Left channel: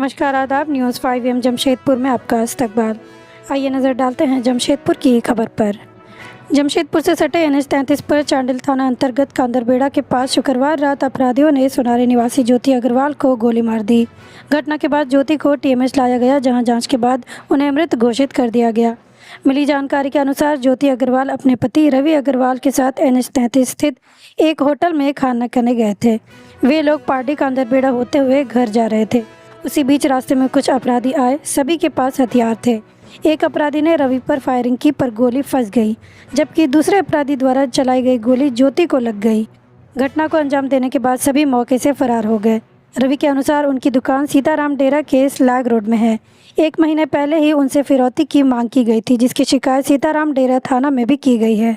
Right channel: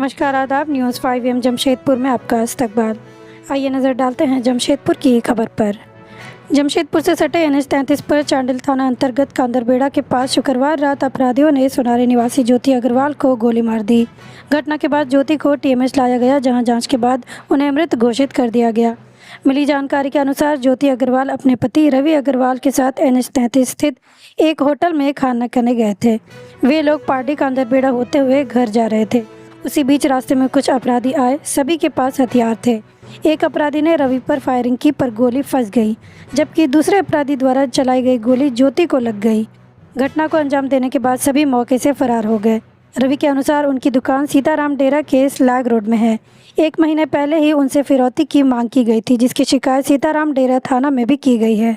नमस्कार, आदाब। न्यूज़ 5 जमशेदपुर में आपका इस्तकबाल। आइए नज़र डालते हैं जमशेदपुर की खबर पर। जमशेदपुर से सटे NH 33 पर चांडिल थाना अंतर्गत कांदरबेड़ा के पास शुक्रवार रात अपराधियों ने सोनारी निवासी ज्योति अग्रवाल को गोली मार दी। घटना के बाद ज्योति को TMH लाया गया, जहां जांच के बाद उन्हें मृत घोषित कर दिया गया। मिली जानकारी के अनुसार ज्योति अग्रवाल अपने पति रवि अग्रवाल के साथ NH 33 स्थित एक होटल में खाना खाने गए थे। वे लोग पार्टी कांदरबेड़ा होते हुए घर जा रहे थे। उसी बीच रास्ते में कुछ अपराधी आए। सभी के पास हथियार थे। एक अपराधी ने रवि पर फायरिंग की, पर गोली फंस गई, जबकि दूसरे अपराधी द्वारा चलाई गई गोली ज्योति को लग गई। घटना को अंजाम देने के बाद सभी मौके से फरार हो गए। रवि के अनुसार उनकी दुकान सीताराम डेरा के स्लैग रोड में है। 1 महीने पहले ही उनसे फिरौती की मांग की गई थी, जिसकी शिकायत सीताराम डेरा थाना में भी की गई है।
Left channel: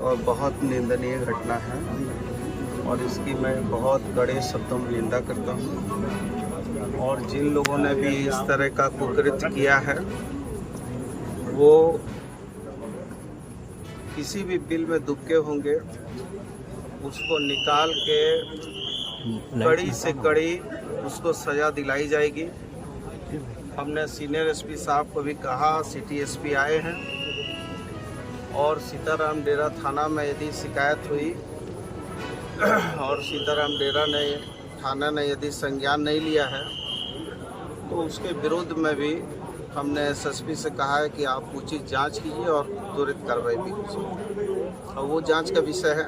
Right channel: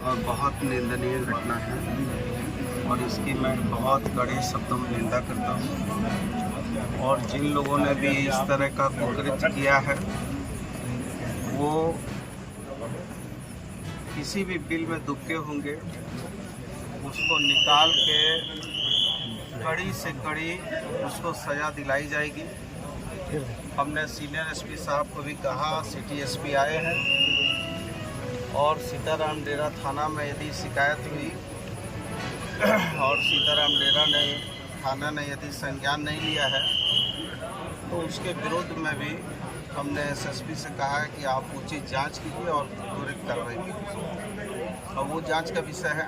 और बहुत निंदनीय घटना है और इसकी मैं बहुत कड़े शब्दों में निंदा करता हूँ। और जिन लोगों ने भी इस तरह का कुकृत्य किया है वो किसी भी बिल में दुबके होंगे, उसको निकाल के कड़ी से कड़ी उसको सज़ा दिलाई जाएगी। हमने सीनियर SP साहब को भी कहा, सिटी SP आए हैं और सीताराम डेरा थाना में यदि शिकायत हुई और सीताराम डेरा ने थाना ने यदि संज्ञान नहीं लिया है तो उसके विरुद्ध में भी हमने SSP से कहा है कि आप उचित जांच कीजिए और त्वरित कार्रवाई कीजिए। और वो जांच का विषय है,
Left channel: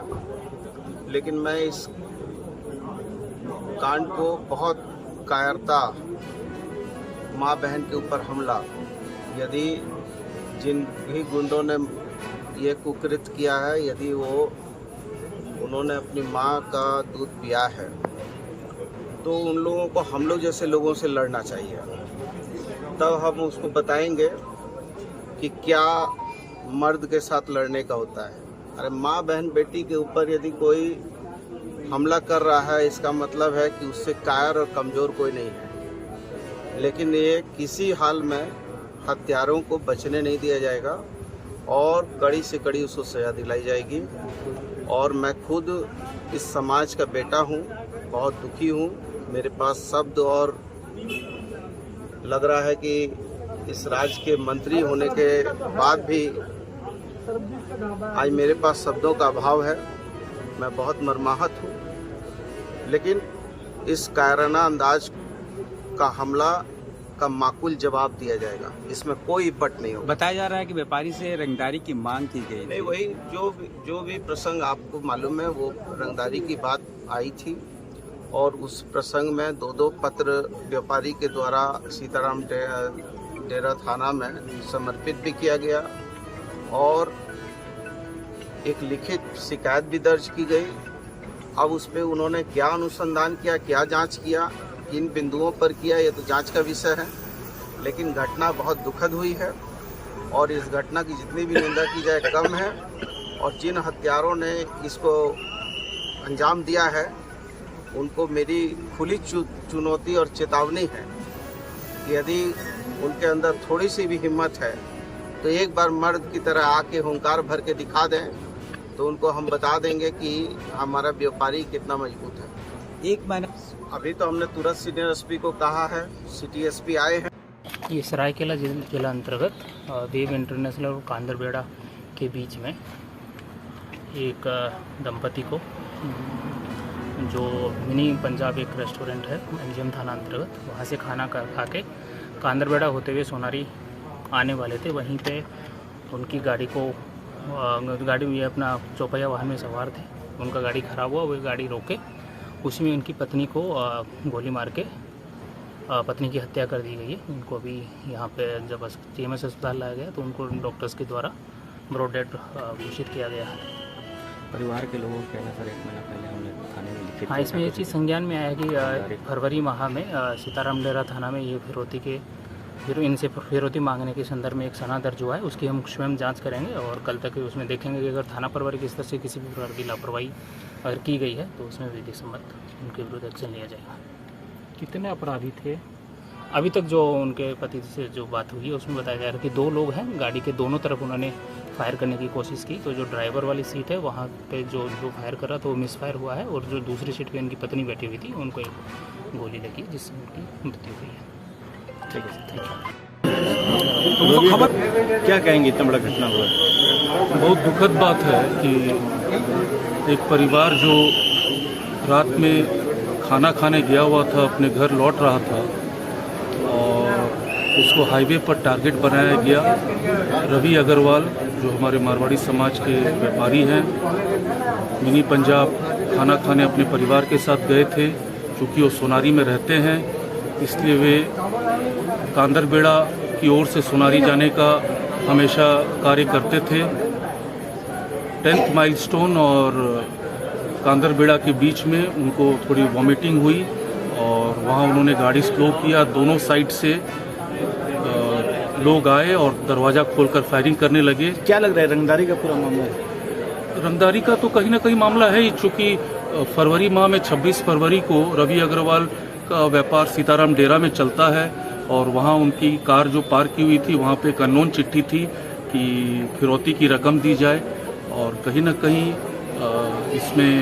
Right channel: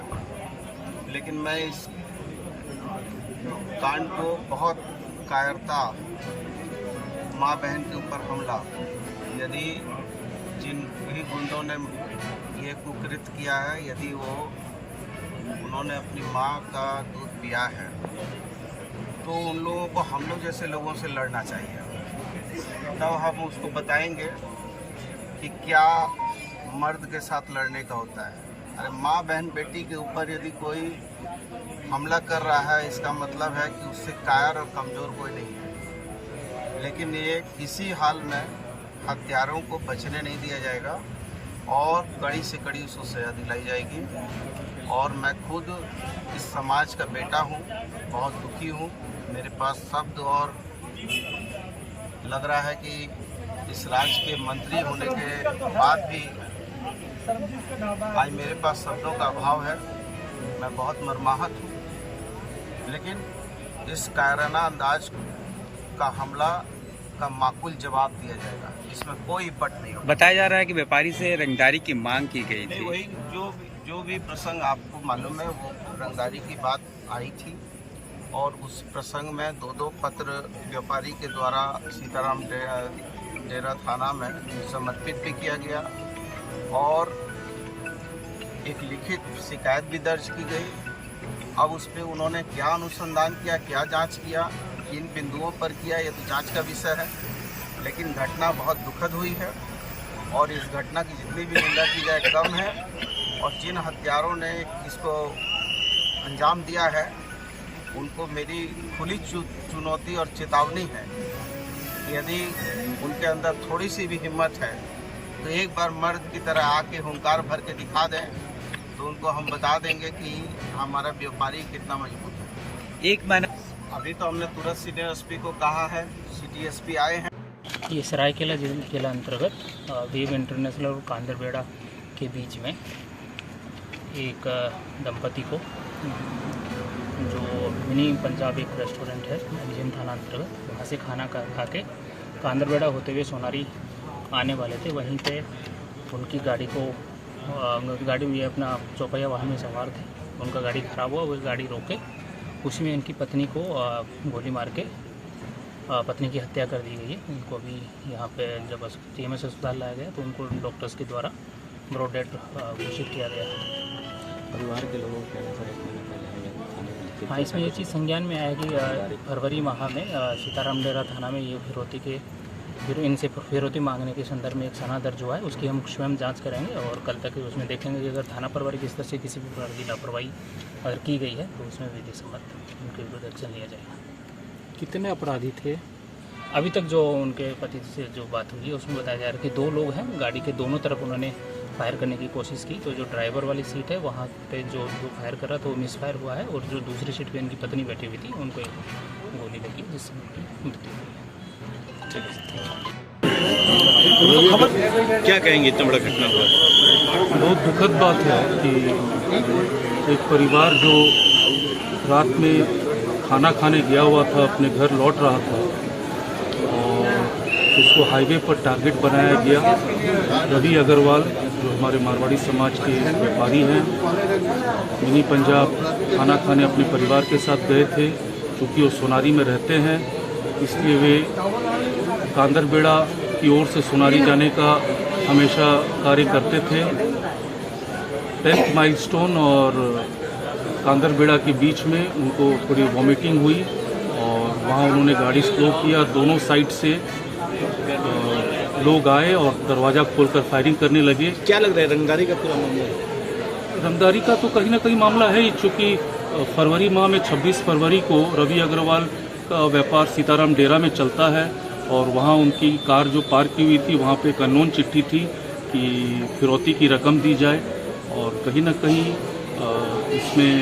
लेकिन मैं इस कांड को बहुत कायरता, माँ बहन के ऊपर हमला, यदि जिन भी गुंडों ने ये कुकृत्य किया है, यदि उन्होंने अपनी माँ का दूध पिया है तो उन लोगों को हम लोग जैसे लोगों से लड़ना चाहिए। तब हम उसको बताएंगे कि क्या मर्द के साथ लड़ने का होता है। अरे माँ बहन बेटी के ऊपर यदि कोई हमला कर रहा है, इसका मतलब है कि उससे कायर और कमज़ोर कोई नहीं है। लेकिन ये किसी हाल में हत्यारों को बचने नहीं दिया जाएगा और कड़ी से कड़ी उसको सजा दिलाई जाएगी। और मैं खुद इस समाज का बेटा हूँ, बहुत दुखी हूँ। मेरे पास शब्द और लग रहा है कि इस राज्य के मंत्री होने के बाद भी आज मेरे पास शब्दों का अभाव है। मैं बहुत मर्माहत हूँ, लेकिन इस कायराना अंदाज का हमला का माकूल जवाब दिया जाएगा, इसमें कोई पट नहीं होगा। बताया जा रहा है कि व्यापारी से रंगदारी की मांग की गई थी। वही जो भी प्रसंग आपको मालूम है, वो रंगदारी की बात आई थी और उस प्रसंग में 2 पत्र व्यापारी के द्वारा सीताराम डेरा थाना में समर्पित भी किया गया और एक लिखित शिकायत भी दर्ज की गई। अब उस पर उन्होंने क्या अनुसंधान किया, क्या जांच किया, किन बिंदुओं पर किया, ये तो जांच का विषय है। लेकिन घटना बहुत दुखद हुई है और इस घटना की जितनी भी निंदा की जाए कम है। और जिन हत्यारों ने इसको अंजाम दिया है उनको मेरी खुली चुनौती और चेतावनी है कि यदि उनके अंदर थोड़ी सी भी हिम्मत है तो एक बार मर्द की तरह आके हुंकार भर के दिखा दें, तो उनको हम बता देंगे कि हमारा व्यापारी कितना मजबूत है। एक महीना अभी तो हमने तुरंत सीनियर SP को कहा है, सिटी SP आए हैं। ये सरायकेला जिला अंतर्गत वेब इंटरनेशनल और कांदरबेड़ा के बीच में एक दंपति को, जो मिनी पंजाब एक रेस्टोरेंट है MGM थाना अंतर्गत, वहाँ से खाना खा के कांदरबेड़ा होते हुए सोनारी आने वाले थे। वहीं पे उनकी गाड़ी में अपना चौपहिया वाहन में सवार थे। उनका गाड़ी खराब हुआ, वो गाड़ी रोके, उसमें उनकी पत्नी को गोली मार के पत्नी की हत्या कर दी गई है। उनको अभी यहाँ पे जब TMS अस्पताल लाया गया तो उनको डॉक्टर्स के द्वारा ब्रॉड डेड घोषित किया गया है। परिवार के लोगों के कहने पर 1 महीना पहले हमें थाने में लिखित हाँ, इसमें ये चीज़ संज्ञान में आया कि फरवरी माह में सीताराम डेरा थाना में ये इनसे फिरौती मांगने के संदर्भ में एक सना दर्ज हुआ है। उसकी हम स्वयं जांच करेंगे और कल तक उसमें देखेंगे कि अगर थाना प्रभारी की स्तर से किसी भी प्रकार की लापरवाही अगर की गई है तो उसमें विधि सम्मत उनके विरुद्ध एक्शन लिया जाएगा। कितने अपराधी थे? अभी तक जो उनके पति से जो बात हुई है उसमें बताया जा रहा है कि 2 लोग हैं। गाड़ी के दोनों तरफ उन्होंने फायर करने की कोशिश की, तो जो ड्राइवर वाली सीट है वहाँ पे जो फायर कर रहा था वो मिसफायर हुआ है और जो दूसरी सीट पे उनकी पत्नी बैठी हुई थी उनको एक गोली लगी जिससे उनकी मृत्यु हुई है। क्या कहेंगे, इतना बड़ा घटना हुआ? बहुत दुखद बात है कि एक परिवार जो रात में खाना खाने गया हुआ था, अपने घर लौट रहा था और उसको हाईवे पर टारगेट बनाया गया। रवि अग्रवाल जो हमारे मारवाड़ी समाज के व्यापारी हैं, मिनी पंजाब खाना खाने अपने परिवार के साथ गए थे। चूँकि वो सोनारी में रहते हैं, इसलिए वे कांदरबेड़ा की ओर से सोनारी जाने का हमेशा कार्य करते थे। 10th माइलस्टोन और कांदरबेड़ा के बीच में उनको थोड़ी वॉमिटिंग हुई और वहाँ उन्होंने गाड़ी स्लो किया। दोनों साइड से लोग आए और दरवाज़ा खोलकर फायरिंग करने लगे। क्या लग रहा है, रंगदारी का पूरा मामला है? रंगदारी का तो कहीं ना कहीं मामला है ही, चूँकि फरवरी माह में 26 फरवरी को रवि अग्रवाल का व्यापार सीताराम डेरा में चलता है और वहाँ उनकी कार जो पार्क की हुई थी, वहाँ पे एक अननोन चिट्ठी थी कि फिरौती की रकम दी जाए और कहीं ना कहीं इसमें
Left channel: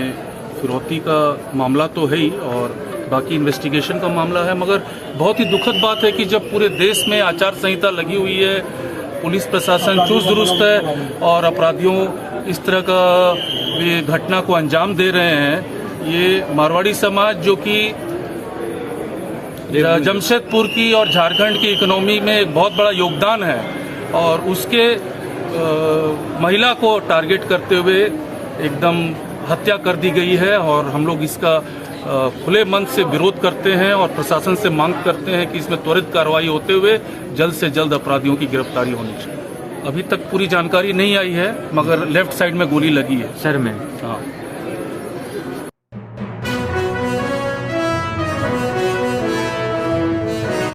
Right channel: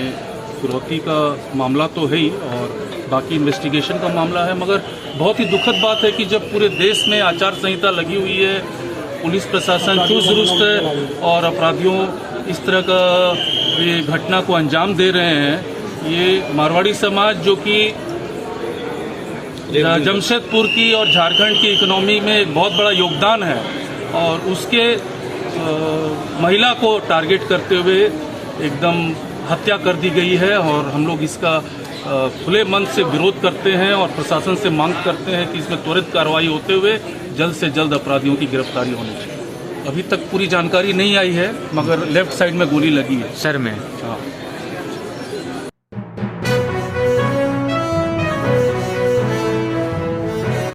फिरौती का मामला तो है ही और बाकी इन्वेस्टिगेशन का मामला है। मगर बहुत ही दुखद बात है कि जब पूरे देश में आचार संहिता लगी हुई है, पुलिस प्रशासन चुस्त दुरुस्त है और अपराधियों इस तरह का ये घटना को अंजाम दे रहे हैं। ये मारवाड़ी समाज जो कि जमशेदपुर की और झारखंड की इकोनॉमी में एक बहुत बड़ा योगदान है और उसके महिला को टारगेट करते हुए एकदम हत्या कर दी गई है और हम लोग इसका खुले मन से विरोध करते हैं और प्रशासन से मांग करते हैं कि इसमें त्वरित कार्रवाई होते हुए जल्द से जल्द अपराधियों की गिरफ्तारी होनी चाहिए। अभी तक पूरी जानकारी नहीं आई है, मगर लेफ्ट साइड में गोली लगी है, सर में। हाँ।